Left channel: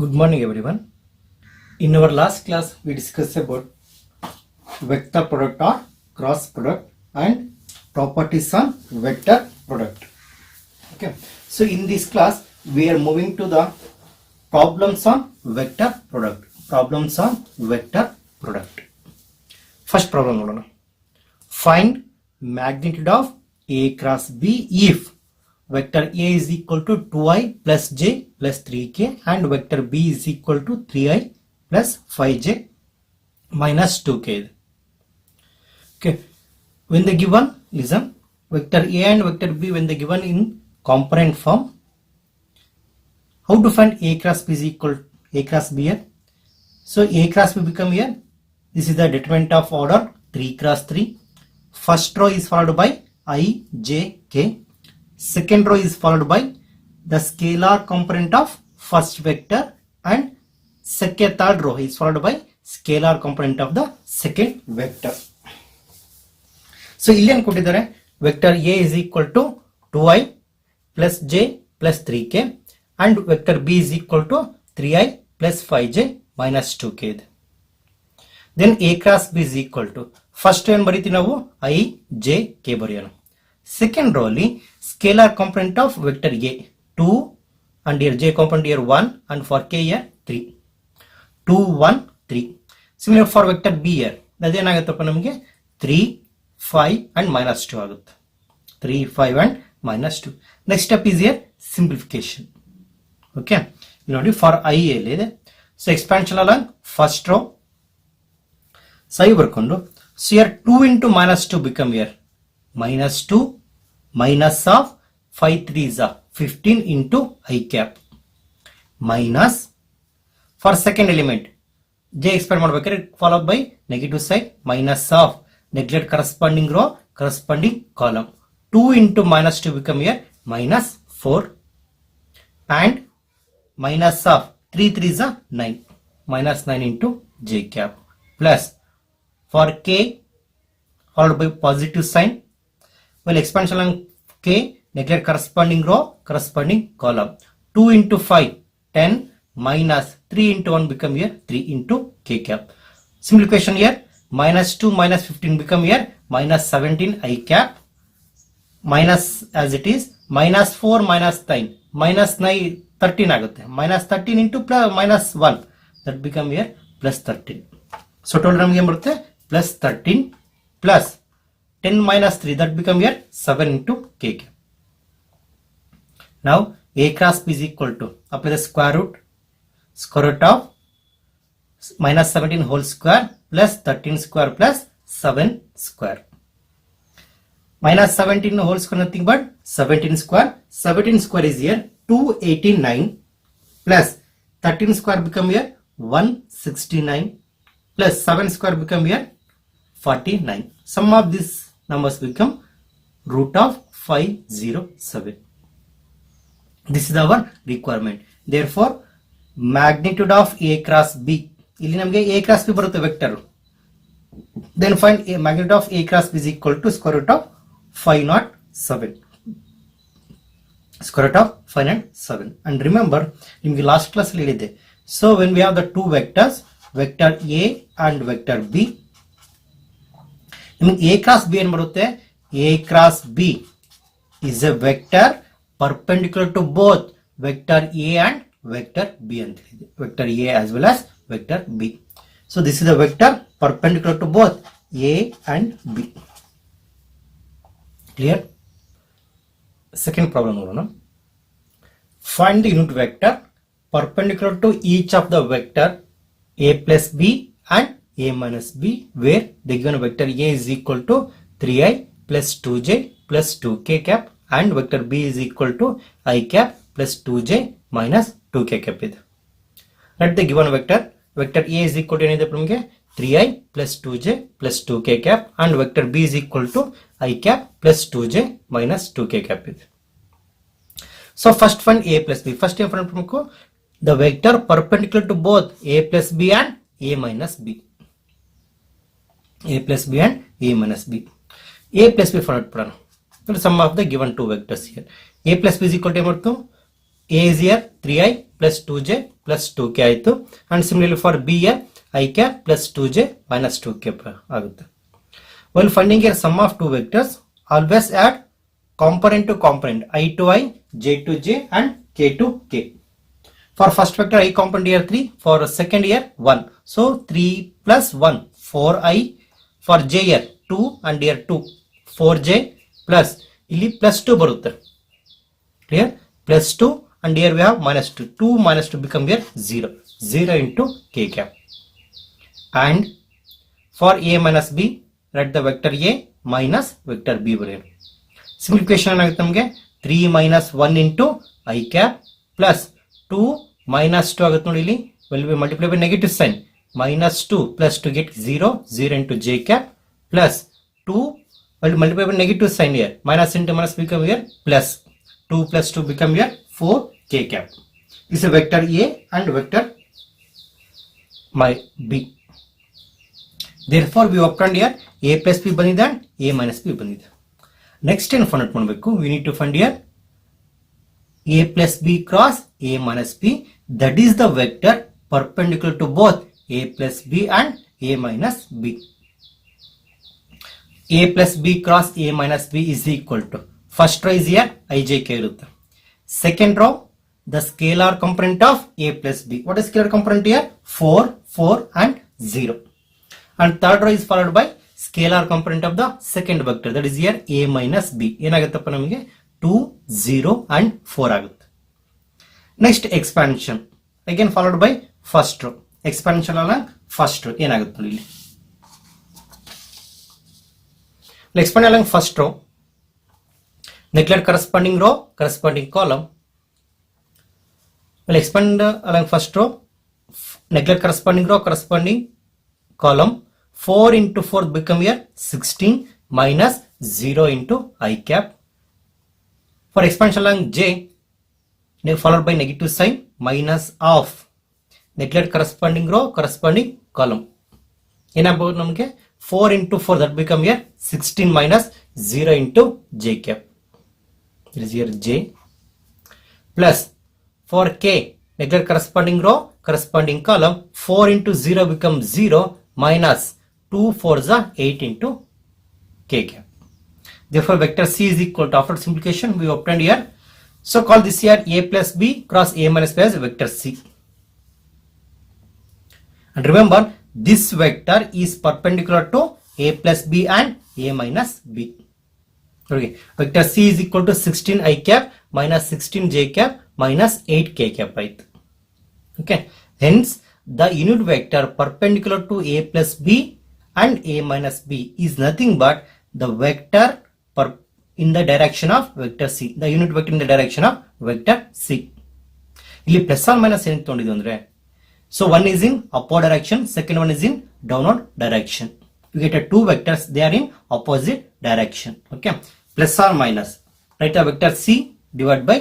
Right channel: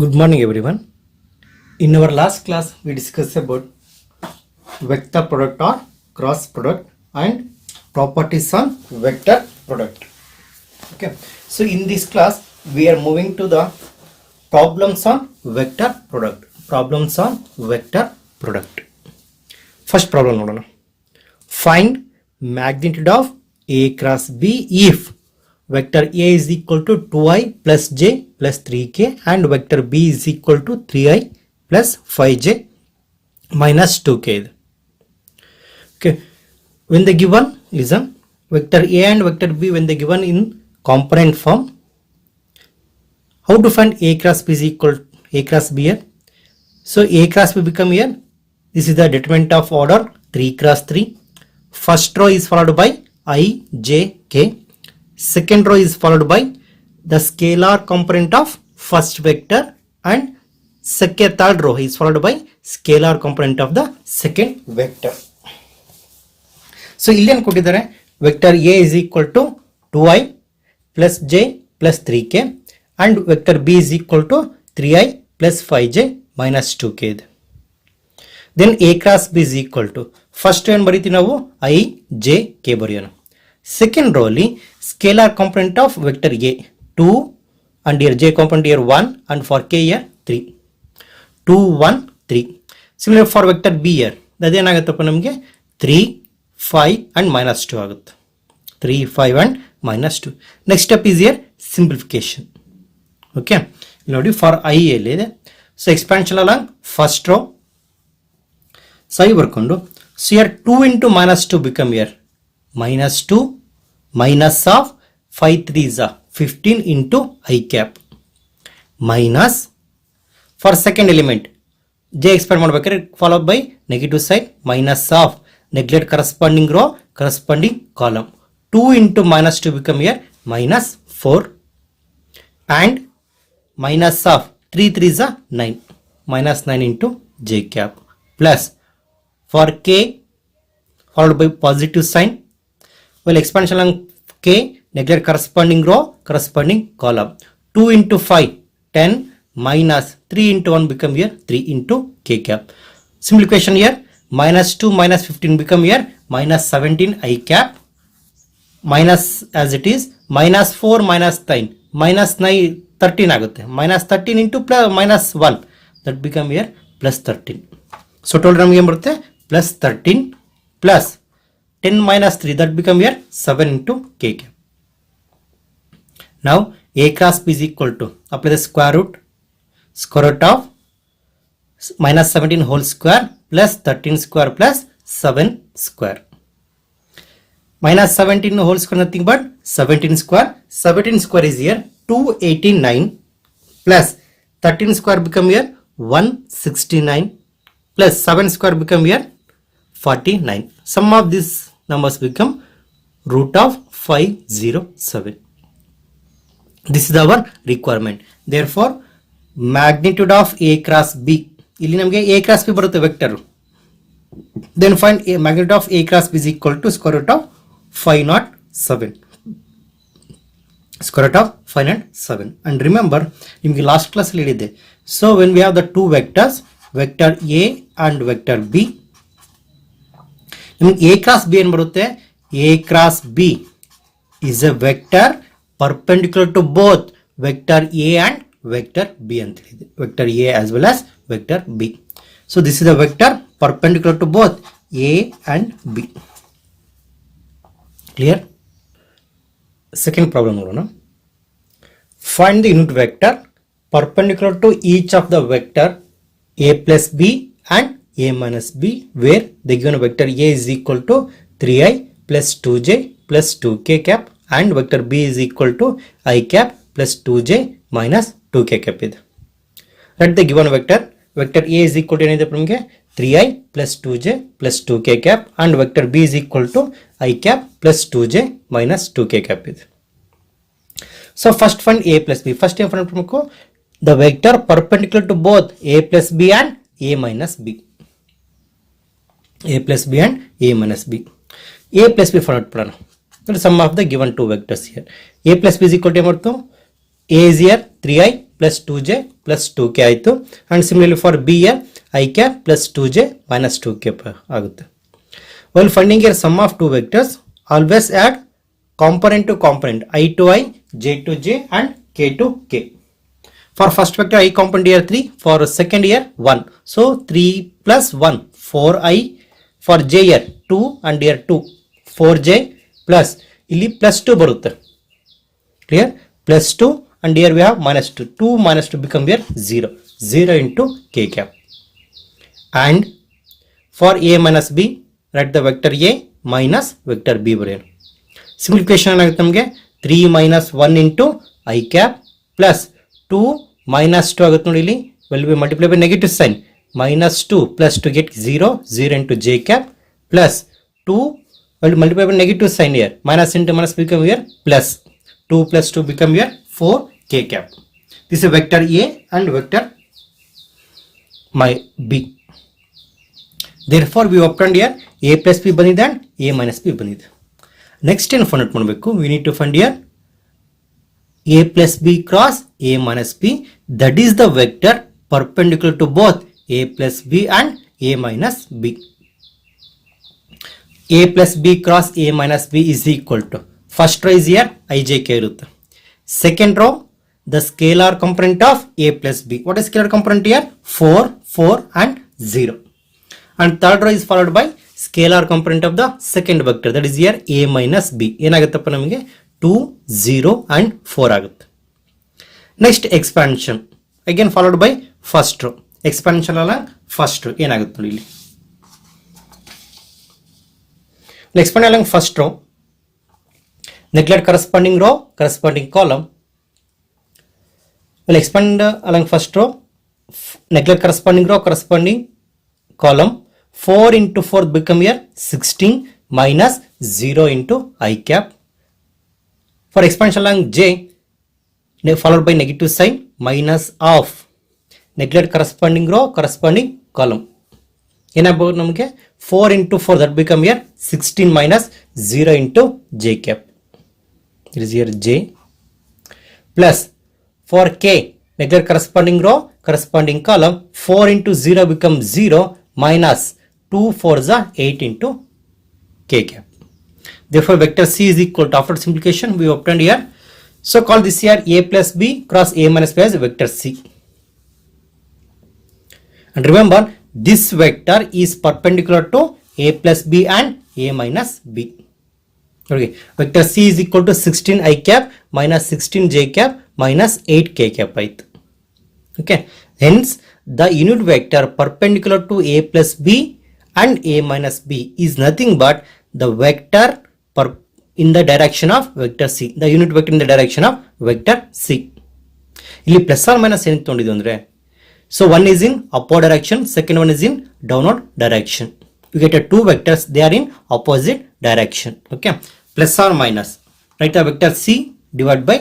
Good morning everyone. In our last class we discussed about vector product or cross product and properties on vector product. Okay. So in this class we are moving to the problems on vector product. Problems on vector product. First problem nodona. Find magnitude of A cross B if vector A is equal to 2i plus j plus 3k and vector B is equal to 3i plus 5j minus 2k. Okay, when they given, listen, vector A and vector B when they given in component form, how to find A cross B is equal to A cross B here? So A cross B become here, this is the determinant of order 3 cross 3. First row is followed by I, j, k. Second row is followed by the scalar component of first vector and third row is followed by scalar component of the second vector. So ಇಲ್ಲಿ ಏನು ಕೊಟ್ಟಿದ್ದಾರೆ vector A is equal to 2i plus j plus 3k and vector B is equal to 3i plus 5j minus 2k. Then A cross B is equal to first ಏನು ಬರೀತೀವಿ ನಾವು I, j, k ಬರೆಯೋಣ. Second row ಅಲ್ಲಿ scalar component of vector A 2 and here j component here 1 and for k here 3 2 1 3. Similar for vector B here ಅದೇನಾಗುತ್ತಪ್ಪ ನಮಗೆ 3 5 and minus 2 ಆಗುತ್ತೆ 3 5 and minus 2. Next step is here simplification. Okay, ನೋಡಿ for I ಎಲ್ಲಿದೆ, so expansion along first row so I ಬರ್ಕೊಂಡು so here 2 into minus 2 become here minus 2 minus of 5 3s are 15 into I cap minus for second element j expand ಮಾಡಬೇಕಾದ್ರೆ followed by negative side minus of neglect corresponding row corresponding column 2 into minus 2 become here minus 4 and minus of 3 3s are 9 minus 9 into j cap plus for k followed by positive sign. Well, expansion along k, neglect corresponding row, corresponding column. 2 into 5, 10 minus 3 into 1 become here 3 into k cap. Simplification here, minus 2 minus 15 become here minus 17 I cap. Minus as it is, minus 4 minus 9, minus 9, 13 ಆಗುತ್ತೆ. Minus 13 into plus minus 1, that become here plus 13. So total ನಮಗೆ ಏನು ಬರುತ್ತೆ plus 13 plus 10 minus 3 that become here 7 into k cap. Now A cross B is equal to apply the square root of minus 17 whole square plus 13 square plus 7 square. Minus 17 whole square nothing but 17 square. 17 square is here 289 plus 13 square become here 169 plus 7 square become here 49. Sum of these numbers become root of 507. This is our requirement. Therefore, magnitude of A cross B. ಇಲ್ಲಿ ನಮಗೆ A cross B ಬರುತ್ತೆ vector. Then find a magnitude of A cross B is equal to square root of 507. Square root of 507. And remember, ನಿಮಗೆ last class ಅಲ್ಲಿ ಹೇಳಿದ್ದೆ. So when we have the two vectors, vector A and vector B, A cross B ಏನು ಬರುತ್ತೆ, A cross B is a vector perpendicular to both vector A and vector B ಅಂತ ಹೇಳಿದೆ, vector A as well as vector B. So this is a vector perpendicular to both A and B. Clear? Second problem ನೋಡೋಣ. Find the unit vector perpendicular to each of the vector A plus B and A minus B where the given vector A is equal to 3i plus 2j plus 2k cap and vector B is equal to I cap plus 2j minus 2k cap ಇದೆ. Let the given vector A is equal to ಏನಿದೆ ನಮಗೆ 3i plus 2j plus 2k cap and vector B is equal to I cap plus 2j minus 2k cap ಇದೆ. So first find A plus B. First ಏನು find ಮಾಡಬೇಕು, the vector perpendicular to both A plus B and A minus B. A plus B and A minus B. A plus B find out the sum of the given two vectors here. A plus B is equal to A is here 3i plus 2j plus 2k ಆಯಿತು. And similarly for b here I cap plus 2j minus 2k ಆಗುತ್ತೆ. While finding here sum of two vectors, always add component to component I to I, j to j and k to k. For first vector I component here 3, for second here 1. So 3 plus 1 4i, for j here 2 and here 2 4j plus ಇಲ್ಲಿ plus 2 ಬರುತ್ತೆ. Clear? Plus 2 and here we have minus 2. 2 minus 2 become here 0. 0 into k cap. And for a minus b, write the vector a minus vector b ಬರೆಯೋಣ. Simplification ಏನಾಗುತ್ತೆ ನಮಗೆ 3 minus 1 into I cap plus 2 minus 2 ಆಗುತ್ತೆ ನೋಡಿ ಇಲ್ಲಿ will be multiplied by negative sign minus 2 plus to get 0 0 into j cap plus 2 will multiply by negative sign here minus into minus become here plus 2 plus 2 become here 4 k cap. This is vector a and vector my b. Therefore we obtained here a plus b ಬಂದಿದೆ and a minus b ಬಂದಿದೆ. Next ಏನು find out ಮಾಡಬೇಕು, we need to find here a plus b cross a minus b, that is the vector perpendicular to both a plus b and a minus b. A plus b cross a minus b is equal to, first row is here ijk ಇರುತ್ತೆ, second row the scalar component of a plus b. What is scalar component here? 4 4 and 0. And third row is followed by scalar component of the second vector, that is here a minus b. ಏನಾಗುತ್ತಪ್ಪ ನಮಗೆ 2 0 and 4 ಆಗುತ್ತೆ. Next expansion again followed by first row, expansion along first row ಏನಾಗುತ್ತೆ ನೋಡಿ ಇಲ್ಲಿ, expand along first row, neglect corresponding row corresponding column. We'll expand along first row, neglect corresponding row corresponding column. 4 into 4 become here 16 minus 0 into I cap. For expansion along j, followed by negative sign minus of, neglect corresponding row corresponding column. ಏನಾಗಬಹುದು ನಮಗೆ 4 into 4 that become here 16 minus 0 into j cap. It is here j plus for k, neglect corresponding row corresponding column. 4 into 0 becomes 0 minus 2 4s are 8 into k cap. Therefore vector c is equal to, after simplification we obtained here, so call this here a plus b cross a minus b as vector c. And remember this vector is perpendicular to a plus b and a minus b. Okay, vector c is equal to 16 I cap minus 16 j cap minus 8 k cap ಆಯ್ತು. Okay, hence the unit vector perpendicular to a plus b and a minus b is nothing but the vector in the direction of vector c, the unit vector in the direction of vector c. ಇಲ್ಲಿ plus R minus ಏನು ತಗೊಂಡಿದ್ದು ಅಂದ್ರೆ, so one is in upward direction, second one is in downward direction. You get a two vectors, they are in opposite direction. Okay, plus or minus, write the vector c divided by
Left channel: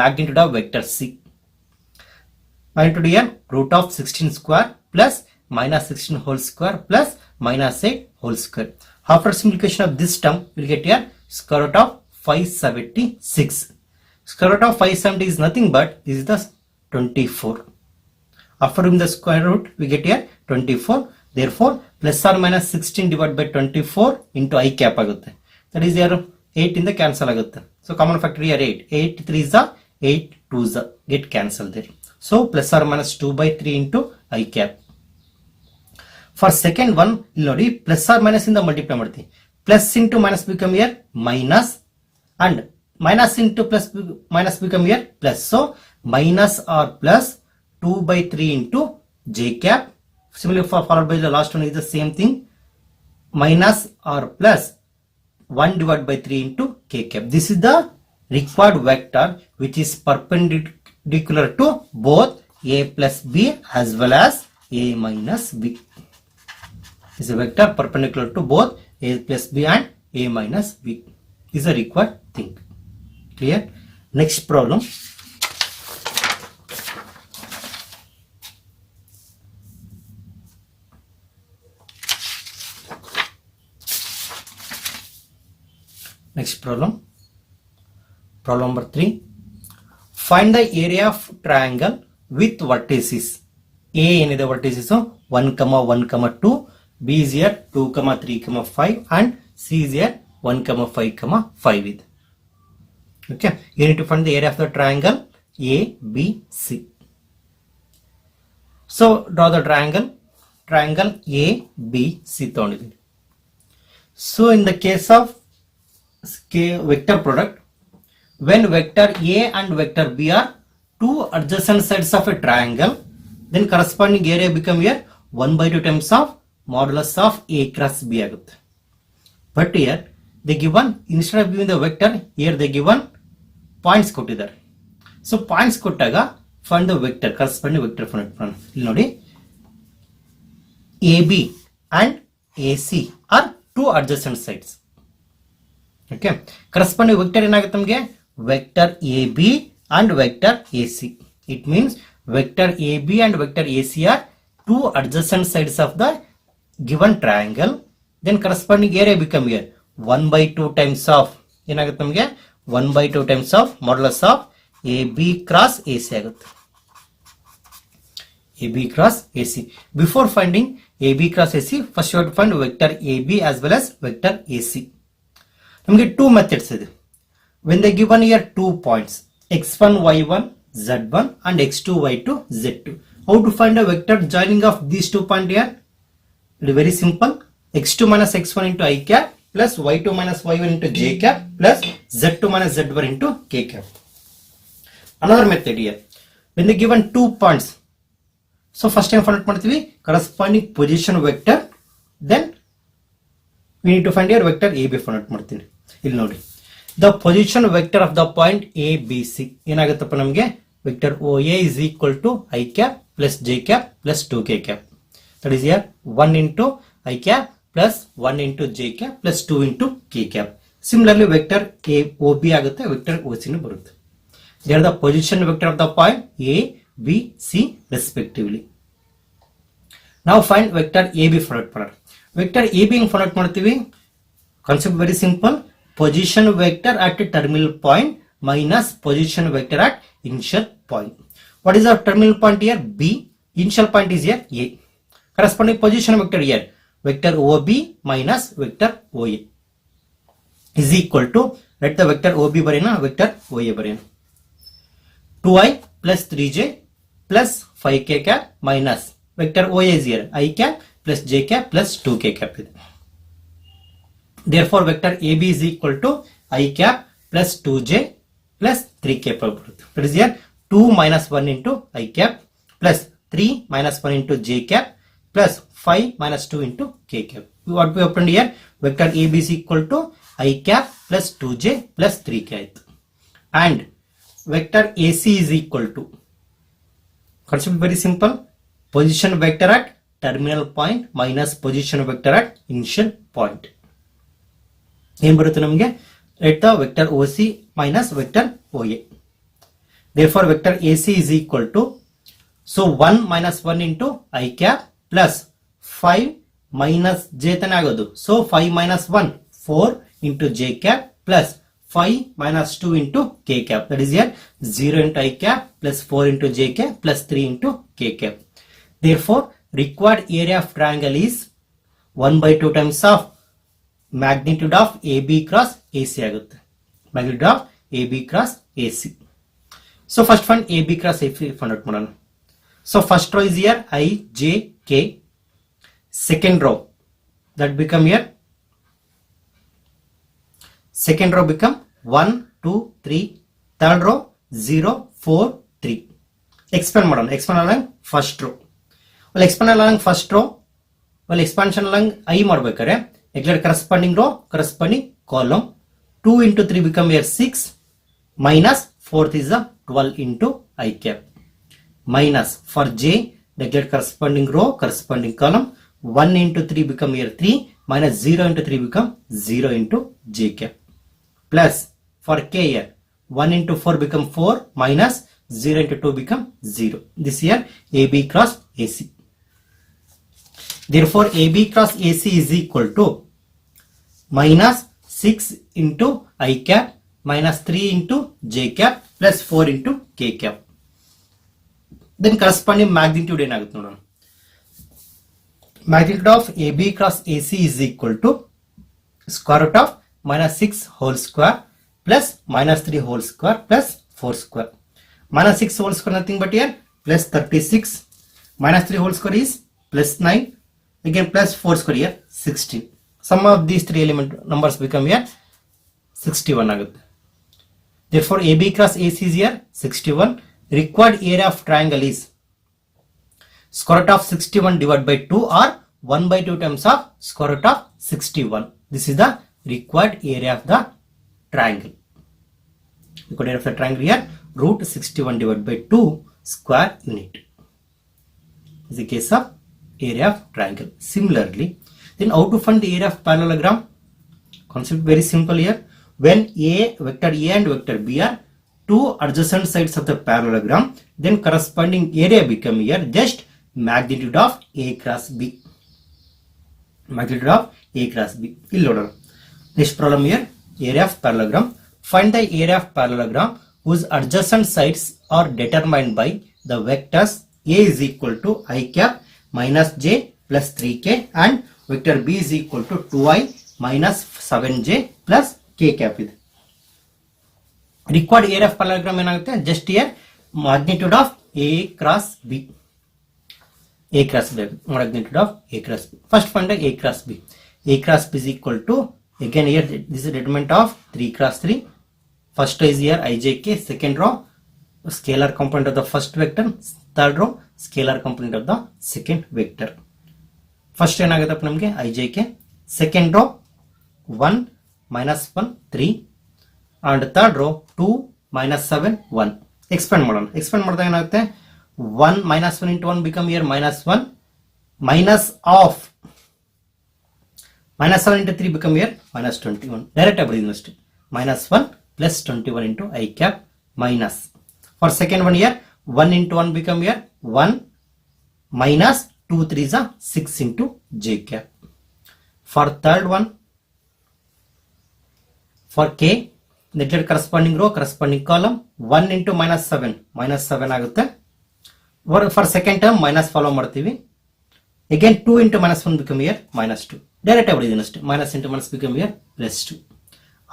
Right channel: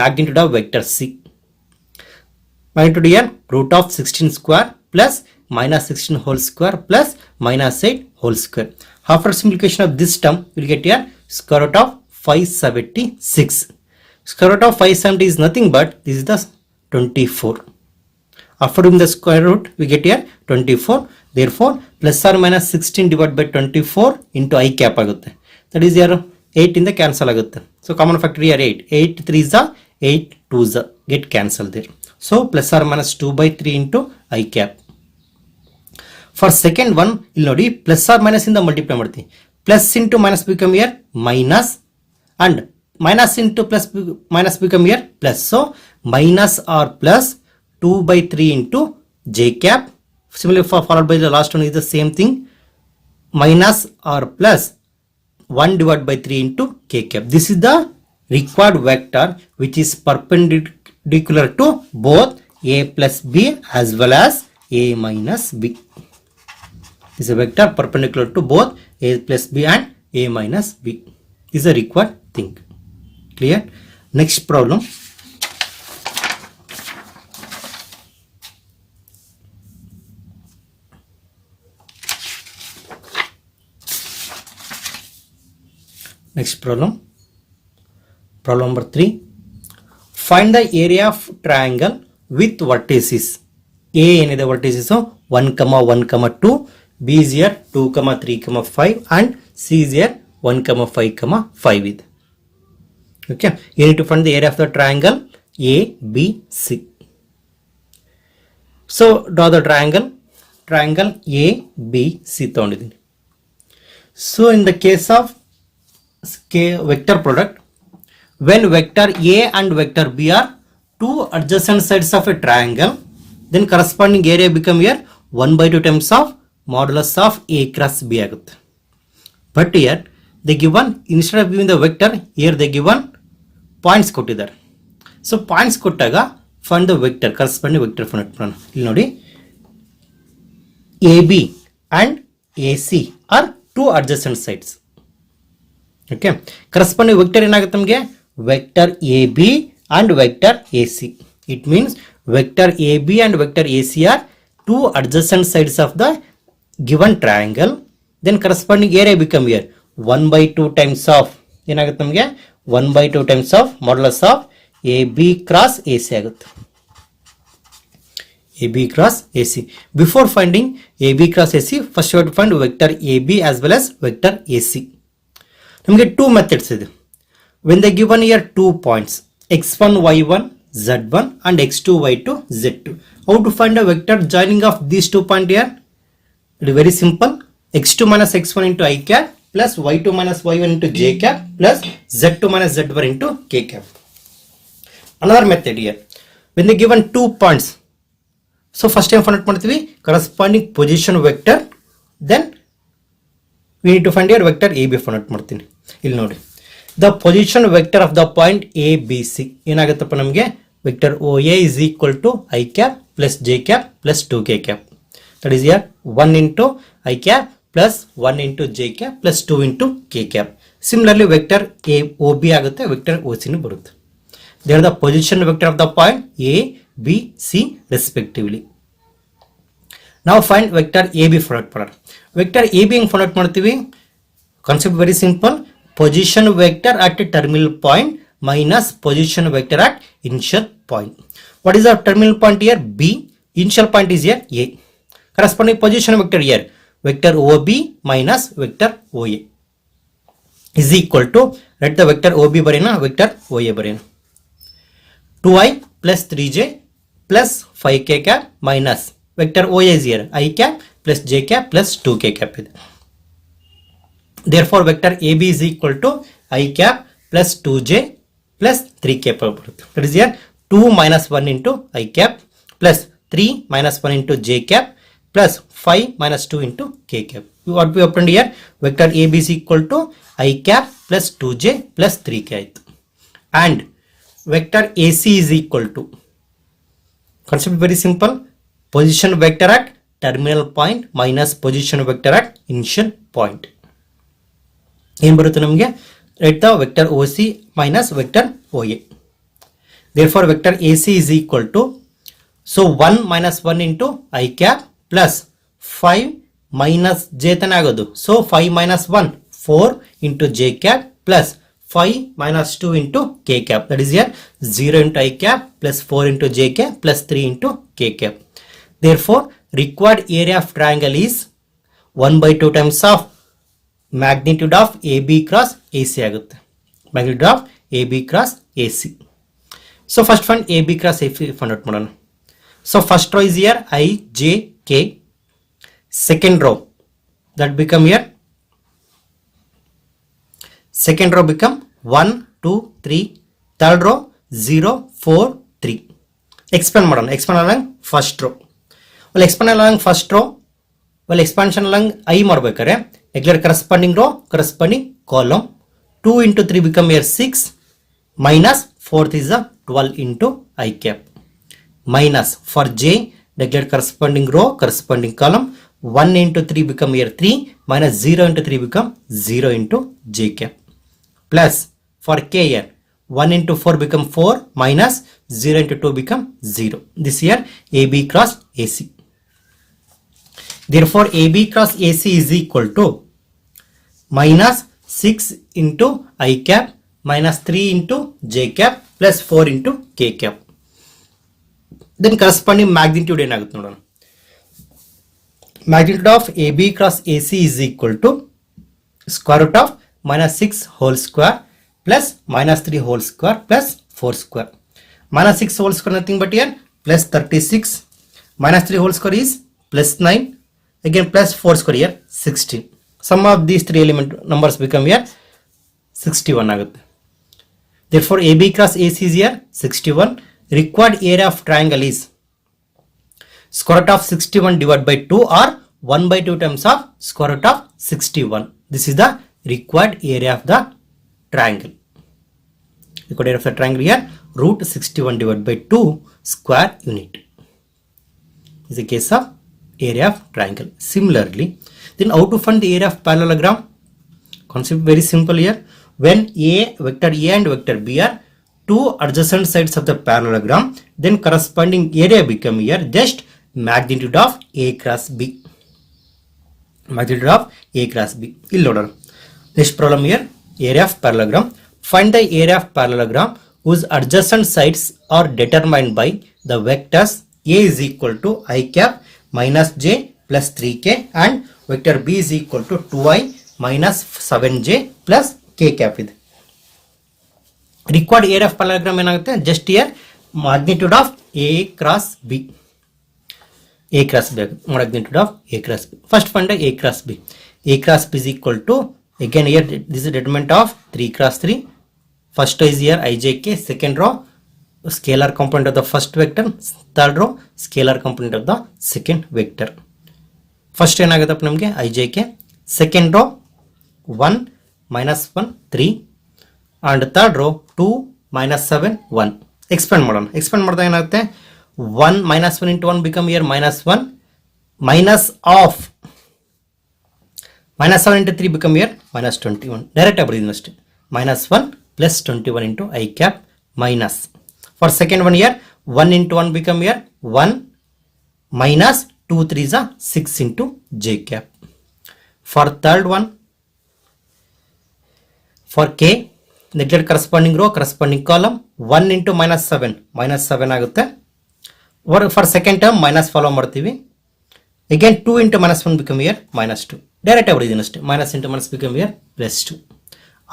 magnitude of vector c. Magnitude here root of 16 square plus minus 16 whole square plus minus 8 whole square. After simplification of this term, we will get here square root of 576. Square root of 570 is nothing but this is the 24. After doing the square root, we get here 24. Therefore, plus or minus 16 divided by 24 into I cap ಆಗುತ್ತೆ. That is here 8 in the cancel ಆಗುತ್ತೆ. So common factor here 8. 8 3s are 8 2s are get cancelled there. So plus or minus 2 by 3 into I cap. For second one, ಇಲ್ಲಿ ನೋಡಿ plus or minus ಇಂದ multiply ಮಾಡ್ತೀವಿ. Plus into minus become here minus and minus into plus minus become here plus. So minus or plus 2 by 3 into j cap. Similarly for followed by the last one is the same thing, minus or plus 1 divided by 3 into k cap. This is the required vector which is perpendicular to both a plus b as well as a minus b. This is a vector perpendicular to both a plus b and a minus b. This is a required thing. Clear? Next problem. Next problem. Problem number 3. Find the area of triangle with vertices. A ಏನಿದೆ vertices 1, 1, 2, B is here 2, 3, 5 and C is here 1, 5, 5 ಇದೆ. Okay, you need to find the area of the triangle ABC. So draw the triangle ABC ತಗೊಂಡಿದ್ದೀನಿ. So in the case of vector product, when vector A and vector B are two adjacent sides of a triangle, then corresponding area become here 1/2 times of modulus of A cross B ಆಗುತ್ತೆ. But here they given, instead of giving the vector, here they given points ಕೊಟ್ಟಿದ್ದಾರೆ. So points ಕೊಟ್ಟಾಗ find the vector, corresponding vector find ಮಾಡೋಣ. ಇಲ್ಲಿ ನೋಡಿ, AB and AC are two adjacent sides. Okay, corresponding vector ಏನಾಗುತ್ತೆ ನಮಗೆ vector AB and vector AC. It means vector AB and vector AC are two adjacent sides of the given triangle. Then corresponding area become here 1/2 times of ಏನಾಗುತ್ತೆ ನಮಗೆ 1/2 times of modulus of AB cross AC ಆಗುತ್ತೆ. AB cross AC. Before finding AB cross AC, first you have to find vector AB as well as vector AC. ನಮಗೆ two methods ಇದೆ. When they given here 2 points x1, y1, z1 and x2, y2, z2. How to find a vector joining of these 2 points here? It is very simple. x2 minus x1 into I cap plus y2 minus y1 into j cap plus z2 minus z1 into k cap. Another method here. When they given 2 points, so first time find out ಮಾಡ್ತೀವಿ corresponding position vector, then we need to find here vector AB find out ಮಾಡ್ತೀನಿ. ಇಲ್ಲಿ ನೋಡಿ, the position vector of the point ABC ಏನಾಗುತ್ತಪ್ಪ ನಮಗೆ vector OA is equal to I cap plus j cap plus 2k cap. That is here 1 into I cap plus 1 into j cap plus 2 into k cap. Similarly vector OB ಆಗುತ್ತೆ, vector OC ನು ಬರುತ್ತೆ. They are the position vector of the point A, B, C respectively. Now find vector AB find out ಮಾಡೋಣ. Vector AB ಹೆಂಗೆ find out ಮಾಡ್ತೀವಿ? Concept very simple. Position vector at a terminal point minus position vector at initial point. What is the terminal point here? B. Initial point is here A. Corresponding position vector here vector OB minus vector OA is equal to, let the vector OB ಬರೆಯೋಣ, vector OA ಬರೆಯೋಣ. 2i plus 3j plus 5k cap minus vector OA is here I cap plus j cap plus 2k cap ಇದೆ. Therefore vector AB is equal to I cap plus 2j plus 3k ಬರುತ್ತೆ. That is here 2 minus 1 into I cap plus 3 minus 1 into j cap plus 5 minus 2 into k cap. What we obtained here, vector AB is equal to I cap plus 2j plus 3k ಆಯಿತು. And vector AC is equal to, concept very simple, position vector at terminal point minus position vector at initial point. ಏನು ಬರುತ್ತೆ ನಮಗೆ, let the vector OC minus vector OA. Therefore vector AC is equal to, so 1 minus 1 into I cap plus 5 minus j ತನ ಆಗೋದು, so 5 minus 1 4 into j cap plus 5 minus 2 into k cap. That is here 0 into I cap plus 4 into j cap plus 3 into k cap. Therefore required area of triangle is 1/2 times of magnitude of AB cross AC ಆಗುತ್ತೆ. Magnitude of AB cross AC. So first find AB cross AC find out ಮಾಡೋಣ. So first row is here I, J, K. Second row that become here, second row become 1, 2, 3. Third row 0, 4, 3. Expand ಮಾಡೋಣ. expand along first row. Well expand along first row, well expansion along I ಮಾಡಬೇಕಾದ್ರೆ declare corresponding row, corresponding column. 2 into 3 become here 6 minus 4th is the 12 into I cap minus for J declare corresponding row, corresponding column. 1 into 3 become here 3 minus 0 into 3 become 0 into J cap plus for K here 1 into 4 become 4 minus 0 into 2 become 0. This here AB cross AC. Therefore AB cross AC is equal to minus 6 into I cap minus 3 into j cap plus 4 into k cap. then corresponding magnitude ಏನಾಗುತ್ತೆ ನೋಡೋಣ. Magnitude of AB cross AC is equal to square root of minus 6 whole square plus minus 3 whole square plus 4 square. Minus 6 whole square nothing but here plus 36. Minus 3 whole square is plus 9. Again plus 4 square here 60. Sum of these three element numbers become here 61 ಆಗುತ್ತೆ. Therefore AB cross AC is here 61. Required area of triangle is square root of 61 divided by 2 or 1 by 2 times of square root of 61. This is the required area of the triangle. Required area of the triangle here root 61 divided by 2 square unit. This is the case of area of triangle. Similarly, then how to find the area of parallelogram? Concept very simple here. When vector A and vector B are two adjacent sides of the parallelogram, then corresponding area become here just magnitude of A cross B. Magnitude of A cross B. Next problem here, area of parallelogram. Find the area of parallelogram whose adjacent sides are determined by the vectors A is equal to I cap minus J plus 3K and vector B is equal to 2I minus 7J plus K cap ಇದೆ. Required area of parallelogram ಏನಾಗುತ್ತೆ? Just here magnitude of A cross B. A cross B. Magnitude of A cross B. First find the A cross B. A cross B is equal to, again here this is determinant of 3 cross 3. First is here IJK. Second row scalar component of the first vector. Third row scalar component of the second vector. First ಏನಾಗುತ್ತಪ್ಪ ನಮಗೆ IJK. Second row 1 minus 1 3 and third row 2 minus 7 1. Expand ಮಾಡೋಣ. Expand ಮಾಡಿದಾಗ ಏನಾಗುತ್ತೆ? 1 minus 1 into 1 become here minus 1 minus of minus 7 into 3 become here minus 21. Direct ಬರೆದಿದ್ದೀನಿ ಅಷ್ಟೇ. Minus 1 plus 21 into I cap minus. For second one here 1 into 1 become here 1 minus 2 3 is 6 into J cap. For third one, for K, neglected corresponding row, corresponding column, 1 into minus 7 ಆಗುತ್ತೆ. For second term minus follow ಮಾಡ್ತೀವಿ. Again 2 into minus 1 become here minus 2. Direct ಬರೆದಿದ್ದೀನಿ ಅಷ್ಟೇ. Minus into minus become here plus 2.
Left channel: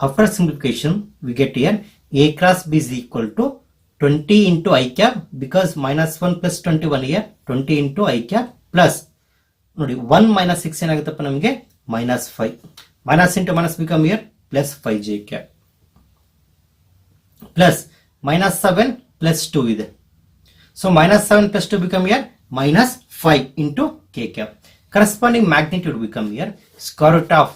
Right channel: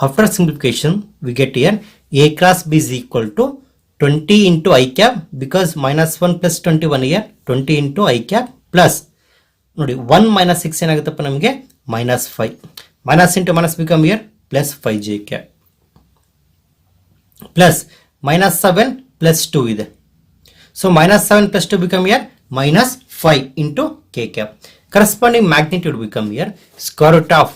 After simplification, we get here A cross B is equal to 20 into I cap because minus 1 plus 21 here 20 into I cap plus ನೋಡಿ 1 minus 6 ಏನಾಗುತ್ತಪ್ಪ ನಮಗೆ minus 5. Minus into minus become here plus 5 J cap plus minus 7 plus 2 ಇದೆ. So minus 7 plus 2 become here minus 5 into K cap. Corresponding magnitude become here square root of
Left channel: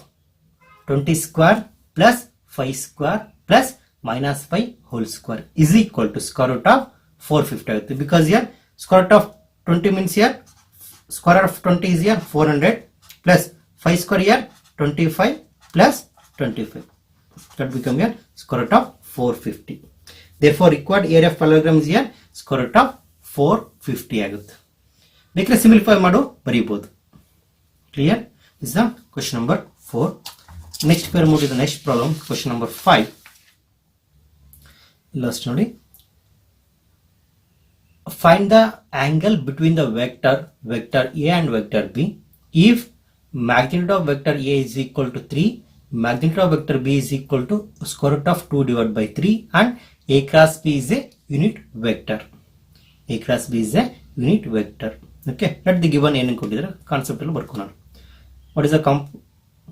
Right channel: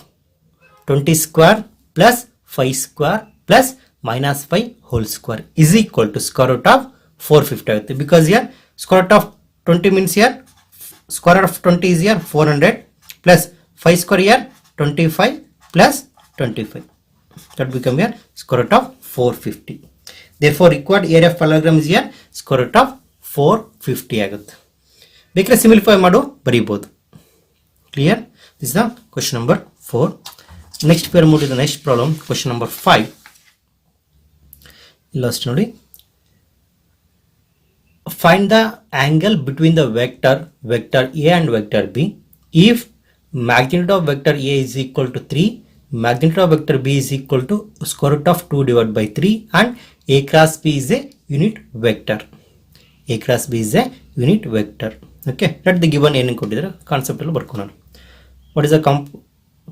20 square plus 5 square plus minus 5 whole square is equal to square root of 450 ಆಗುತ್ತೆ. Because here square root of 20 means here square root of 20 is here 400 plus 5 square here 25 plus 25. That become here square root of 450. Therefore required area of parallelogram is here square root of 450 ಆಗುತ್ತೆ. ಬೇಕಾದ್ರೆ simplify ಮಾಡು ಬರೀಬಹುದು. Clear? This is the question number 4. Next pair move to the next problem, question number 5. Last ನೋಡಿ. Find the angle between the vector A and vector B if magnitude of vector A is equal to 3, magnitude of vector B is equal to square root of 2 divided by 3 and A cross B is a unit vector. A cross B is a unit vector. Okay, let the given ಏನು ಕೊಟ್ಟಿದ್ದಾರೆ concept ಅಲ್ಲಿ ಬರ್ಕೊಳ್ಳೋಣ. What is the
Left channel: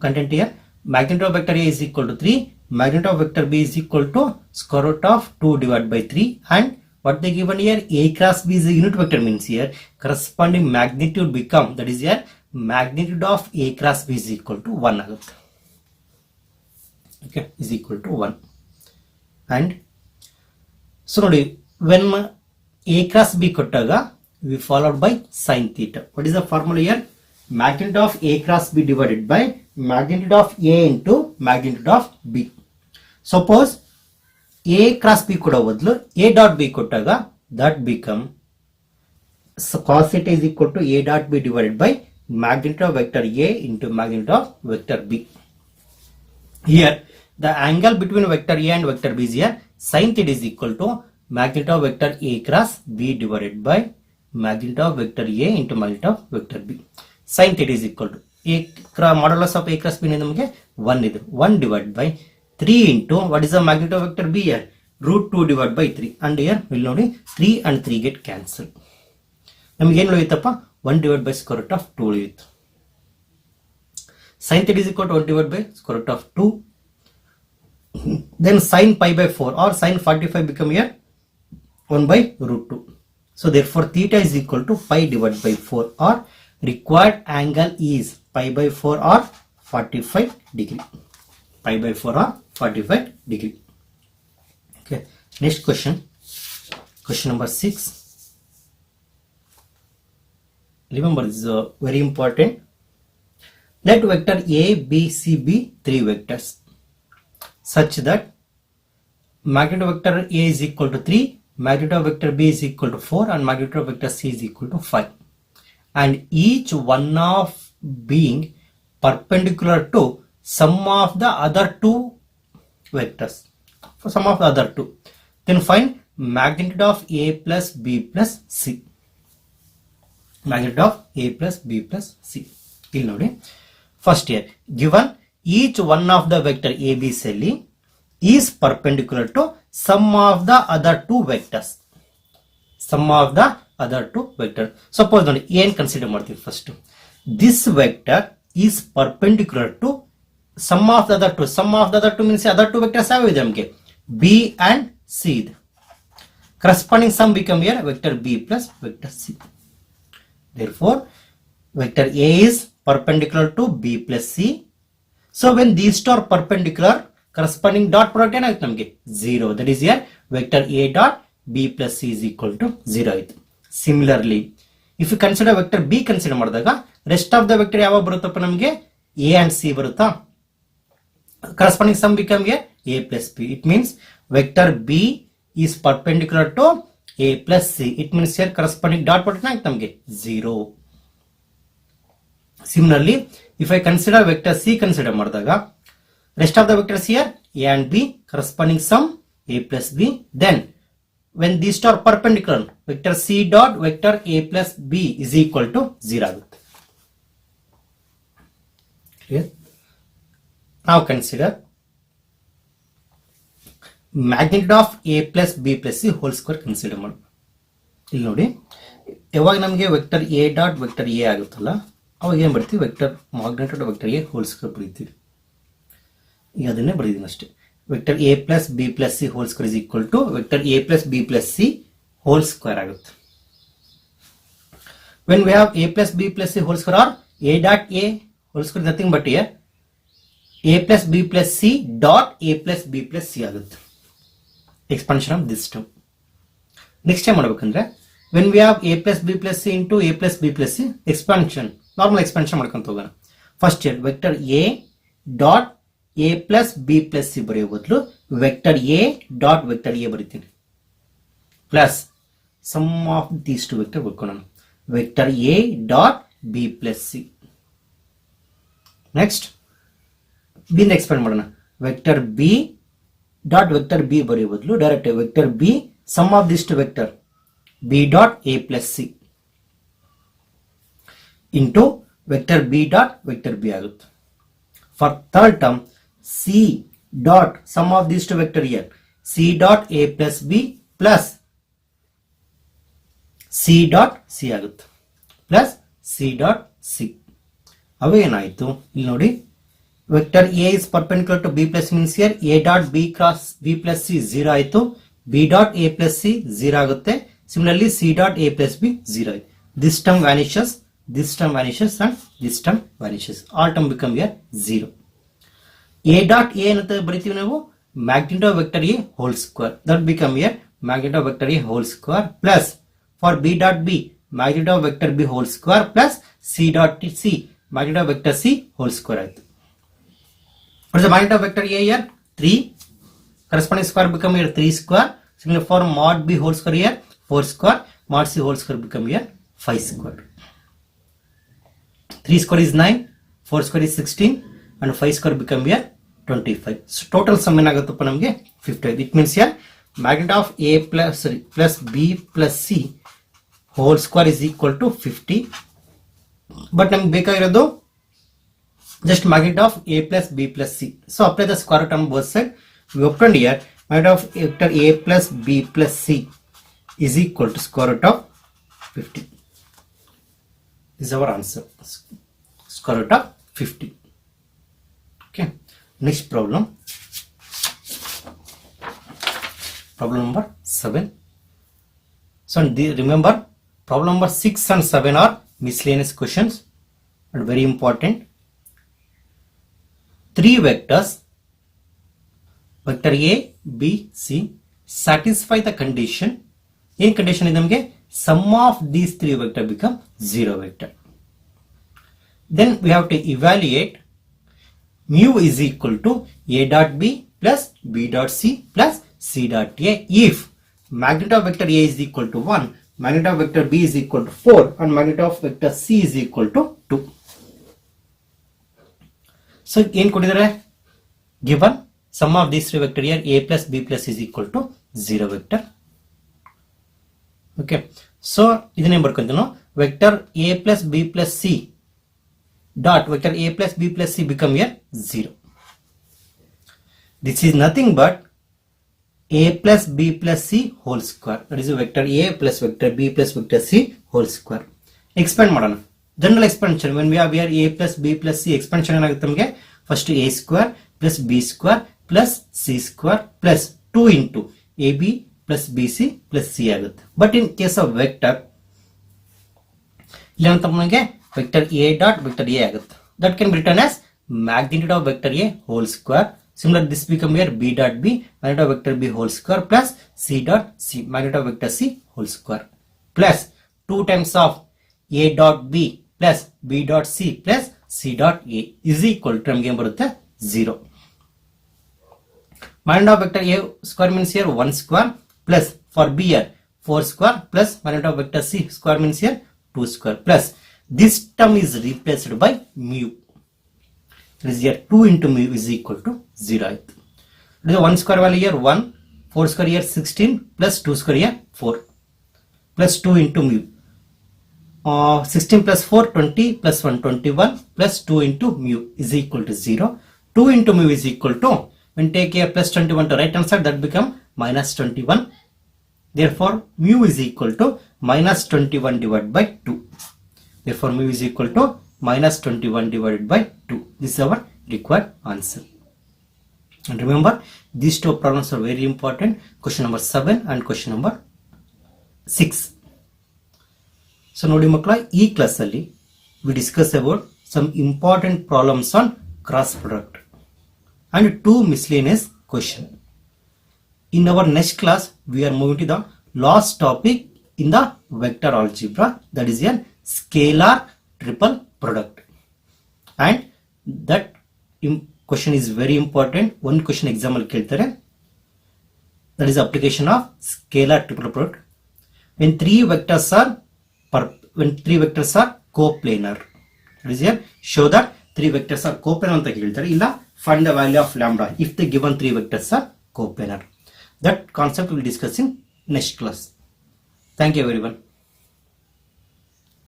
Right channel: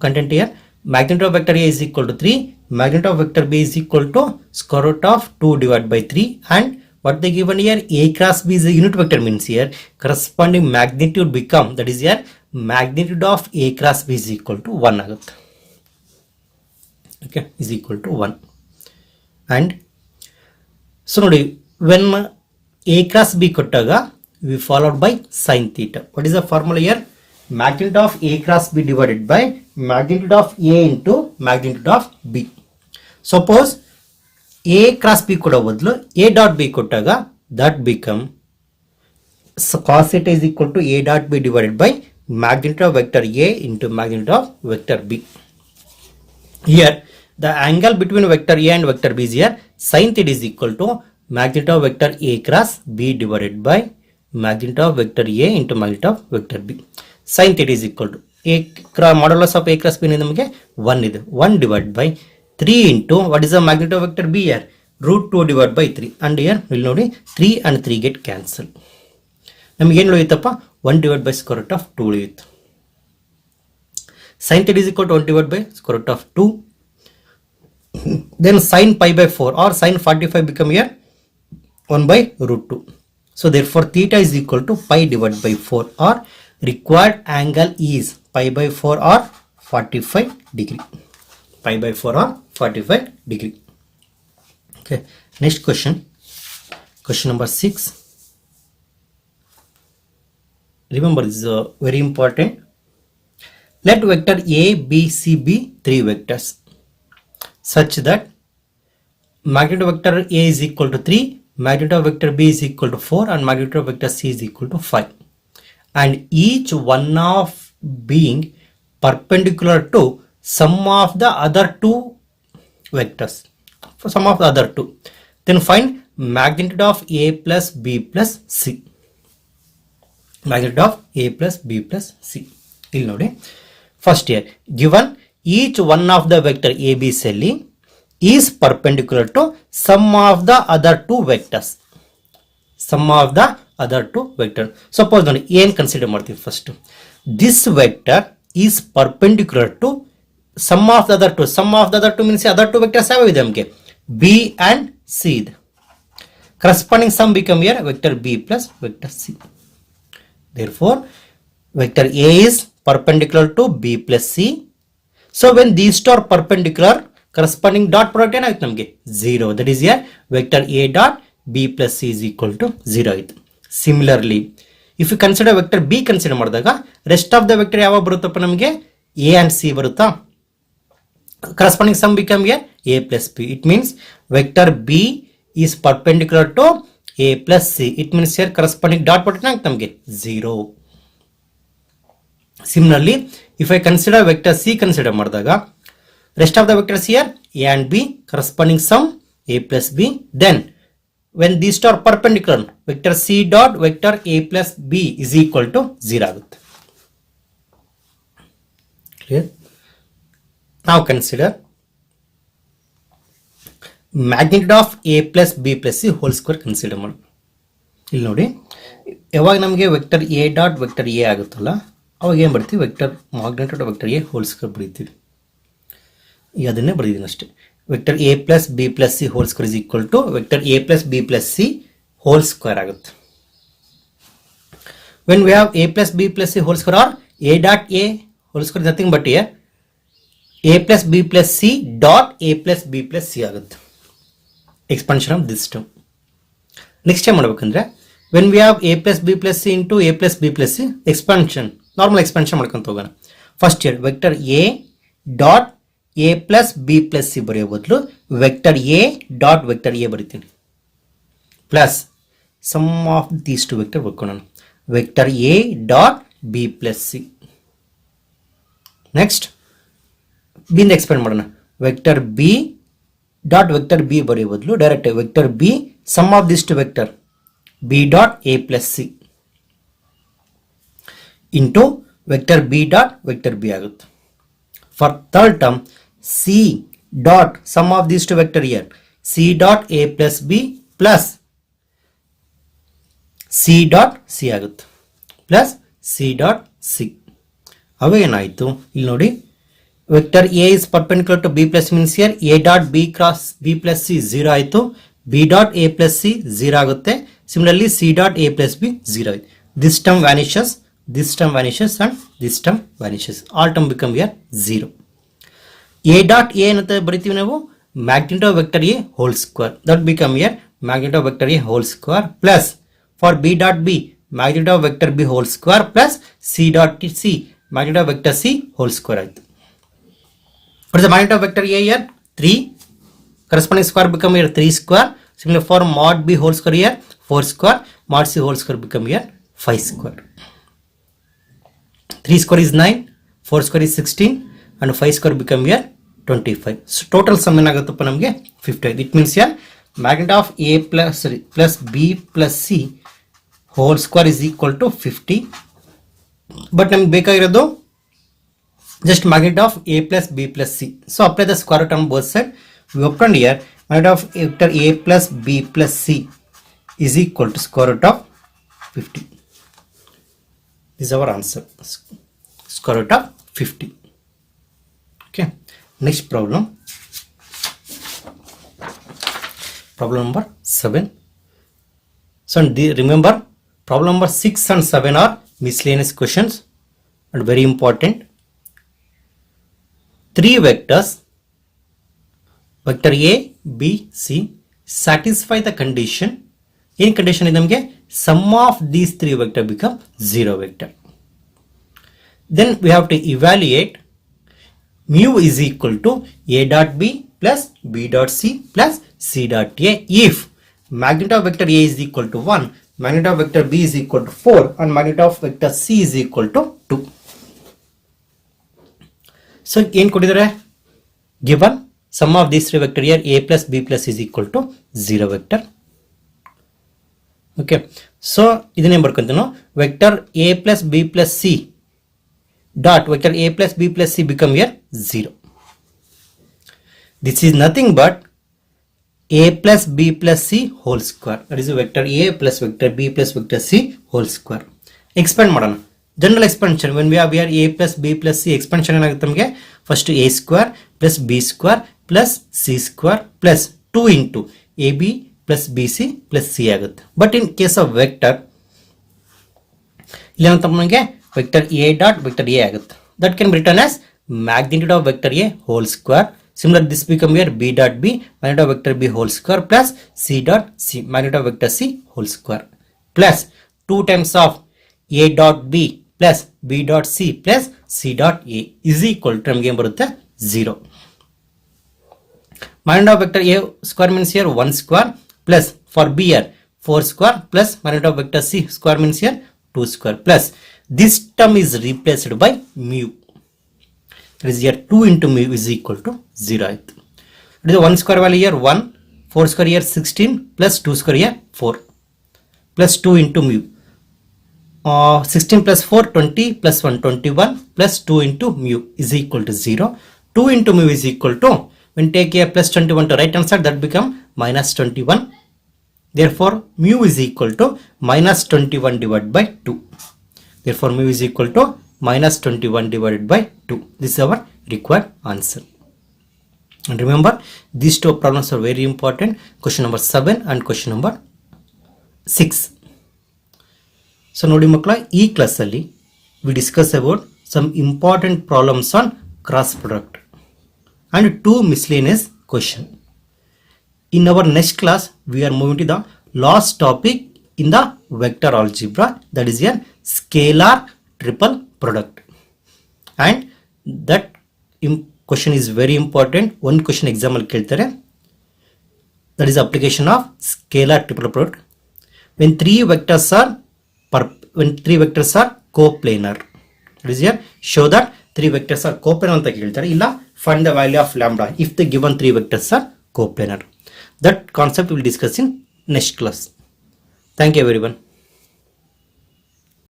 content here? Magnitude of vector A is equal to 3, magnitude of vector B is equal to square root of 2 divided by 3 and what they given here A cross B is a unit vector means here corresponding magnitude become, that is here magnitude of A cross B is equal to 1 ಆಗುತ್ತೆ. Okay, is equal to 1 and so ನೋಡಿ when A cross B ಕೊಟ್ಟಾಗ we followed by sin theta. What is the formula here? Magnitude of A cross B divided by magnitude of A into magnitude of B. Suppose A cross B ಕೊಡೋ ಬದಲು A dot B ಕೊಟ್ಟಾಗ that become cos theta is equal to A dot B divided by magnitude of vector A into magnitude of vector B. Here the angle between vector A and vector B is here sin theta is equal to magnitude of vector A cross B divided by magnitude of vector A into magnitude of vector B. Sin theta is equal to modulus of A cross B ನಮಗೆ 1 ಇದೆ. 1 divided by 3 into what is the magnitude of vector B here? Root 2 divided by 3. And here we'll ನೋಡಿ 3 and 3 get cancel. ನಮಗೆ ಏನು ಉಳಿಯುತ್ತಪ್ಪ 1 divided by square root of 2 ಉಳಿಯುತ್ತೆ. Sin theta is equal to 1 divided by square root of 2. Then sin pi by 4 or sin 45 become here 1 by root 2. So therefore theta is equal to pi divided by 4 or required angle is pi by 4 or 45 degree. Pi by 4 or 45 degree. Okay. Next question. Question number 6. Remember this is very important. Let vector A, B, C be 3 vectors such that magnitude of vector A is equal to 3, magnitude of vector B is equal to 4 and magnitude of vector C is equal to 5. And each one of being perpendicular to sum of the other two vectors. For sum of the other two. Then find magnitude of A plus B plus C. Magnitude of A plus B plus C. ಇಲ್ಲಿ ನೋಡಿ. First here, given each one of the vector AB cell is perpendicular to sum of the other two vectors. Sum of the other two vectors. Suppose ನೋಡಿ ಏನು consider ಮಾಡ್ತೀವಿ first. This vector is perpendicular to sum of the other two. Sum of the other two means other two vectors ಯಾವ ಇದೆ ನಮಗೆ B and C ಇದೆ. Corresponding sum become here vector B plus vector C. Therefore, vector A is perpendicular to B plus C. So when these two are perpendicular, corresponding dot product ಏನಾಗುತ್ತೆ ನಮಗೆ 0. That is here vector A dot B plus C is equal to 0 ಆಯಿತು. Similarly, if you consider vector B consider ಮಾಡಿದಾಗ rest of the vector ಯಾವ ಬರುತ್ತಪ್ಪ ನಮಗೆ A and C ಬರುತ್ತಾ. Corresponding sum become here A plus B. It means vector B is perpendicular to A plus C. It means here corresponding dot product ಏನಾಗುತ್ತೆ ನಮಗೆ 0. Similarly, if I consider vector C consider ಮಾಡಿದಾಗ rest of the vectors here A and B corresponding sum A plus B. Then when these two are perpendicular, vector C dot vector A plus B is equal to 0 ಆಗುತ್ತೆ. Clear? Now consider magnitude of A plus B plus C whole square consider ಮಾಡಿ. ಇಲ್ಲಿ ನೋಡಿ ಯಾವಾಗ ನಮಗೆ vector A dot vector A ಆಗುತ್ತಲ್ಲ ಅವಾಗ ಏನು ಬರ್ತೀವಿ vector magnitude of vector A whole square ಬರೀತೀವಿ. ಈಗ ಅದನ್ನೇ ಬರೀತೀನಿ ಅಷ್ಟೇ. Vector A plus B plus C whole square is equal to vector A plus B plus C whole square ಆಗುತ್ತೆ. When we have A plus B plus C whole square or A dot A whole square nothing but here A plus B plus C dot A plus B plus C ಆಗುತ್ತೆ. Expansion of this term. Next time ಮಾಡಬೇಕಂದ್ರೆ when we have A plus B plus C into A plus B plus C expansion normal expansion ಮಾಡ್ಕೊಂತ ಹೋಗೋಣ. First here vector A dot A plus B plus C ಬರೆಯೋ ಬದಲು vector A dot vector A ಬರಿತೀನಿ plus sum of these two vector ಬರ್ಕೊಳ್ಳೋಣ vector A dot B plus C. Next B ಇಂದ expand ಮಾಡೋಣ vector B dot vector B ಬರೆಯೋ ಬದಲು direct vector B sum of these two vector B dot A plus C into vector B dot vector B ಆಗುತ್ತೆ. For third term C dot sum of these two vector here C dot A plus B plus C dot C ಆಗುತ್ತೆ plus C dot C. ಅವಾಗ ಏನಾಯಿತು ಇಲ್ಲಿ ನೋಡಿ vector A is perpendicular to B plus means here A dot B cross B plus C 0 ಆಯಿತು B dot A plus C 0 ಆಗುತ್ತೆ. Similarly C dot A plus B 0 ಆಯಿತು. This term vanishes, this term vanishes and this term vanishes. All term become here 0. A dot A ಅಂತ ಬರಿತೀವಿ ನಾವು magnitude of vector A whole square that become here magnitude of vector A whole square plus for B dot B magnitude of vector B whole square plus C dot C magnitude of vector C whole square ಆಯಿತು. What is the magnitude of vector A here? 3. Corresponding square become here 3 square. Similarly for mod B whole square here 4 square. Mod C whole square become here 5 square. 3 square is 9. 4 square is 16. And 5 square become here 25. So total sum ಏನಾಗುತ್ತಪ್ಪ ನಮಗೆ 55. It means here magnitude of A plus B plus C whole square is equal to 50. But ನಮ್ಗೆ ಬೇಕಾಗಿರೋದು just magnitude of a plus b plus c. So apply the square root on both sides. We opened here magnitude of vector a plus b plus c is equal to square root of 50. This is our answer. Square root of 50. Okay. Next problem. Problem number 7. So remember, problem number 6 and 7 are miscellaneous questions and very important. Three vectors, vector A, B, C, satisfy the condition. In condition is nಮಗೆ sum of these three vector become 0 vector. Then we have to evaluate mu is equal to A dot B plus B dot C plus C dot A if magnitude of vector A is equal to 1, magnitude of vector B is equal to 4 and magnitude of vector C is equal to 2. So ಏನು ಕೊಟ್ಟಿದ್ದಾರೆ, given sum of these three vector here a plus b plus is equal to 0 vector. Okay, so ಇದನ್ನೇ ಬರ್ಕೊಂತೀವಿ ನಾವು, vector a plus b plus c dot vector a plus b plus c become here 0. This is nothing but a plus b plus c whole square, that is vector a plus vector b plus vector c whole square. Expand ಮಾಡೋಣ. General expansion, when we have here a plus b plus c, expansion ಏನಾಗುತ್ತೆ ನಮಗೆ, first a square plus b square plus c square plus 2 into ab plus bc plus c ಆಗುತ್ತೆ. But in case of vector, ಇಲ್ಲಿ ಏನಾಗುತ್ತೆ ನಮಗೆ vector a dot vector a ಆಗುತ್ತೆ. That can be written as magnitude of vector a whole square. Similar, this become here b dot b magnitude of vector b whole square plus c dot c magnitude of vector c whole square plus 2 times of a dot b plus b dot c plus c dot a is equal to ನಮಗೆ ಏನು ಬರುತ್ತೆ 0. magnitude of vector a square means here 1 square plus for b here 4 square plus magnitude of vector c square means here 2 square plus this term is replaced by mu. That is here 2 into mu is equal to 0 ಆಯಿತು. It is 1 square value here 1, 4 square here 16 plus 2 square here 4 plus 2 into mu. 16 plus 4 20 plus 1 21 plus 2 into mu is equal to 0. 2 into mu is equal to, when take a plus 21 to right hand side, that become minus 21. Therefore mu is equal to minus 21 divided by 2. Therefore mu is equal to minus 21 divided by 2. This is our required answer. And remember, these two problems are very important, question number 7 and question number 6. So ನೋಡಿ ಮಕ್ಕಳ, ಈ ಕ್ಲಾಸಲ್ಲಿ we discuss about some important problems on cross product and 2 miscellaneous question. In our next class, we are moving to the last topic in the vector algebra, that is a scalar triple product. And that question is very important. One question exam ಅಲ್ಲಿ ಕೇಳ್ತಾರೆ, that is application of scalar triple product. When three vectors are coplanar, that is here show that three vectors are coplanar ಅಂತ ಕೇಳ್ತಾರೆ, ಇಲ್ಲ find the value of lambda if the given three vectors are coplanar. That concept we will discuss in next class. Thank you everyone.